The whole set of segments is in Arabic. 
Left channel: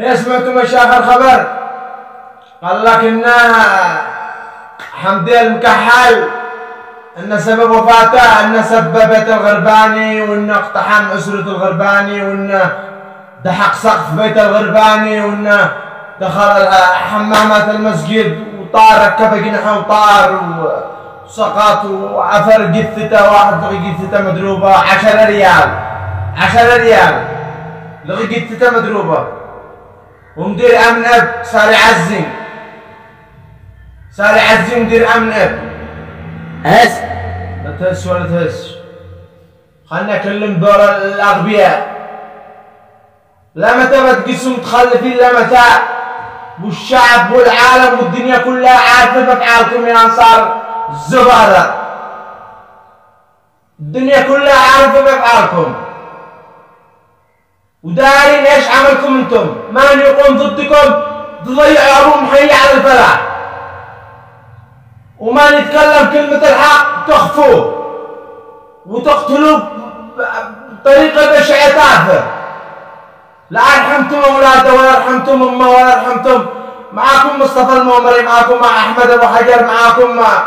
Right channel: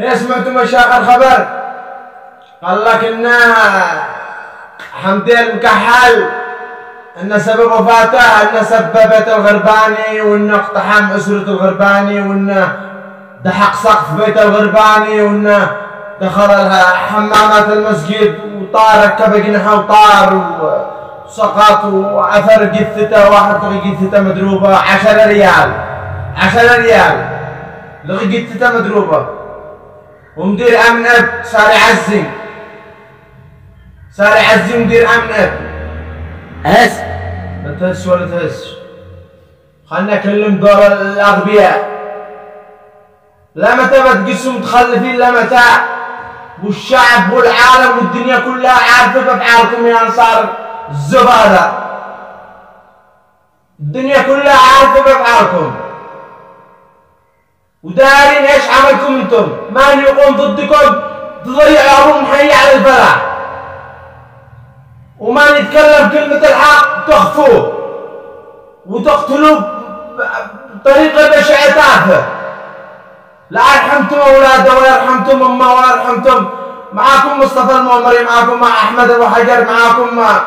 هي سمعتوا مشايخ الخبر؟ قال لك ان حمدي المكحل ان سبب وفاته ان سب بيت الغرباني، وانه اقتحم اسرة الغرباني، وانه دحق سقف بيت الغرباني، وانه دخل حمامات المسجد وطار، ركب جناحه وطار وسقط وعثر جثته، واحد لقي جثته مدروبه 10 ريال 10 ريال لقي جثته مدروبه. ومدير امن اب صار يعزي مدير امن اب. هس لا تهس ولا تهس، خلنا نكلم دور الاغبياء. لا متى بتقسوا متخلفين، لا متى، والشعب والعالم والدنيا كلها عارفه بافعالكم يا انصار الزباله. الدنيا كلها عارفه بافعالكم ودارين ايش عملكم انتم. من يقوم ضدكم تضيعوا ابو محيي على الفلاح، ومن يتكلم كلمة الحق تخفوه وتقتلوه بطريقة بشعة تافهة. لا رحمتم اولاده ولا رحمتم امه ولا رحمتم. معاكم مصطفى المؤمري، معاكم مع احمد ابو حجر، معاكم مع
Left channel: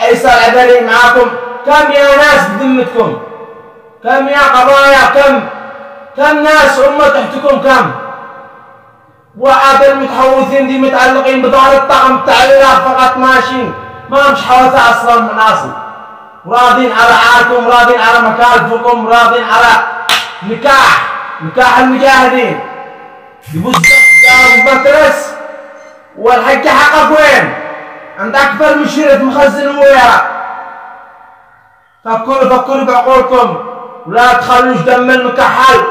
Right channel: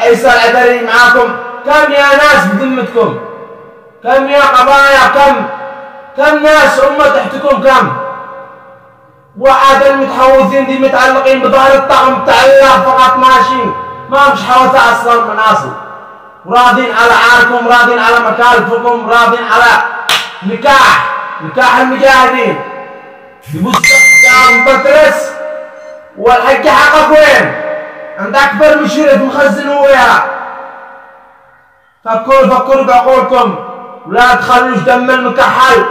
عيسى العذري، معاكم كم يا ناس بذمتكم؟ كم يا قضايا؟ كم ناس امه تحتكم؟ كم وعاد المتحوثين دي متعلقين بظهر الطعم متعلق فقط ماشيين، ما مش حوثة اصلا من اصل، وراضين على عاركم، راضين على مكالفكم، راضين على نكاح المجاهدين. يبوس دام بطرس والحج حقك وين؟ عند اكبر مشيرة مخزن وياه. فكروا بعقولكم ولا تخلوش دم المكحل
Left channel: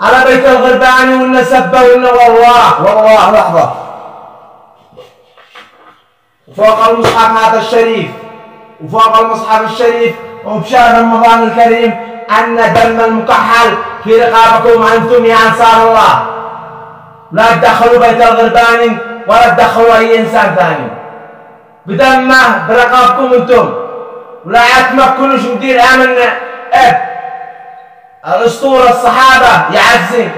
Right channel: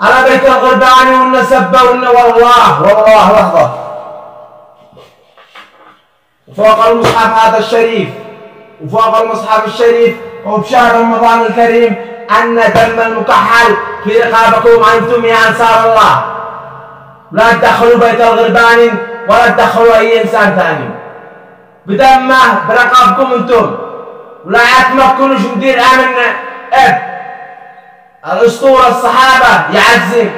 على بيت الغرباني وإنه سبه وإنه والله لحظة. وفوق المصحف هذا الشريف، وفوق المصحف الشريف وبشهر رمضان الكريم أن دم المكحل في رقابكم أنتم يا أنصار الله. لا تدخلوا بيت الغرباني ولا تدخلوا أي إنسان ثاني بدمه برقابكم أنتم. ولا تمكنوش مدير أمن الأسطورة الصحابة يعزي،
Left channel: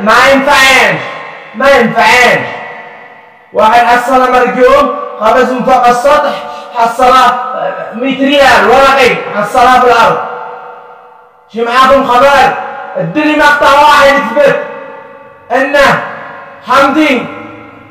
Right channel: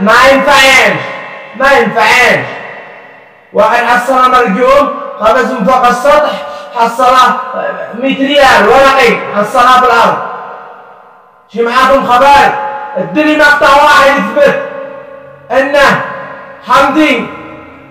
ما ينفعينش. واحد حصل مرجوم قفز من فوق السطح، حصله 100 ريال ورقي، حصلها بالأرض. شي معاكم خبر؟ ادني مقطع واحد يثبت انه حمدي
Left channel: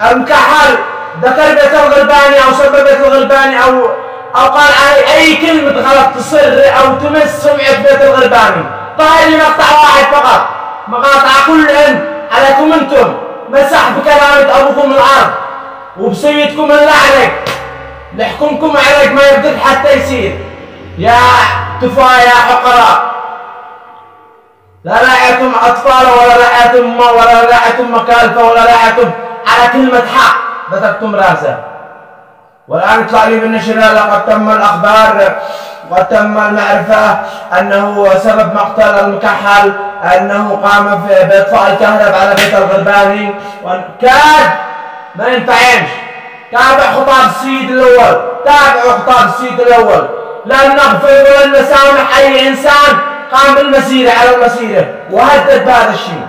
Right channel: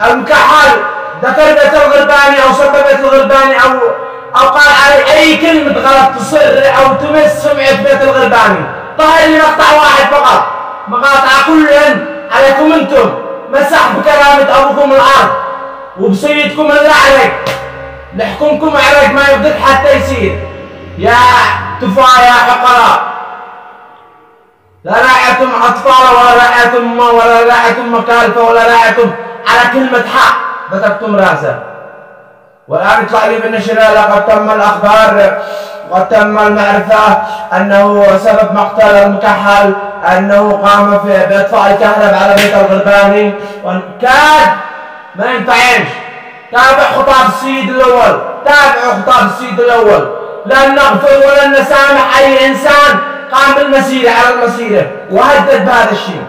المكحل ذكر بيت الغرباني او سب بيت الغرباني او قال علي اي كلمة غلط تصر او تمس سمعة بيت الغرباني. ظهر لي مقطع واحد فقط، مقاطع كلهن عليكم انتم، مسح بكرامة ابوكم الارض وبسيدكم اللعنة، لحكمكم عرق ما يقدر حتى يصير. يا تفا يا حقراء، لا راعيتم اطفال ولا راعيتم امه ولا راعيتم مكالفه ولا راعيتم على كلمه حق، بتكتم راسه. والان يطلع لي بالنشر لقد تم الاخبار وقد تم المعرفه انه سبب مقتل المكحل انه قام باطفاء الكهرب على بيت الغرباني. كاد ما ينفعينش. تابع خطاب السيد الاول، تابعوا خطاب السيد الاول. لن نغفر ولن نسامح اي انسان قام بالمسيرة على المسيرة وهدد بهذا الشيء.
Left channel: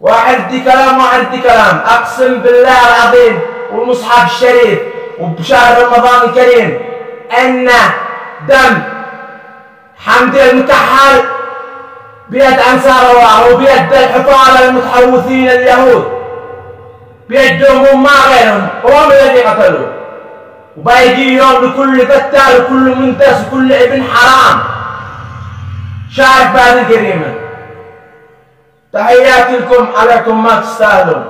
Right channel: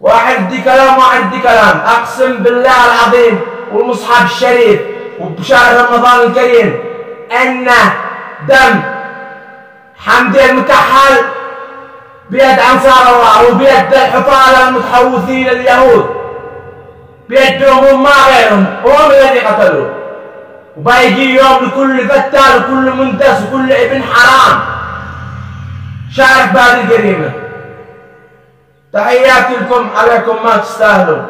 واحد يدي كلام واحد يدي كلام، اقسم بالله العظيم والمصحف الشريف وبشهر رمضان الكريم ان دم حمدي المكحل بيد انصار الله وبيد الحفاظ المتحوثين اليهود، بيدهم هم ما غيرهم، هم الذي قتلوه. وبيجي يوم لكل فتال وكل منتس وكل ابن حرام شارك بهذه الجريمة. تحياتي لكم، عليكم ما تستاهلون.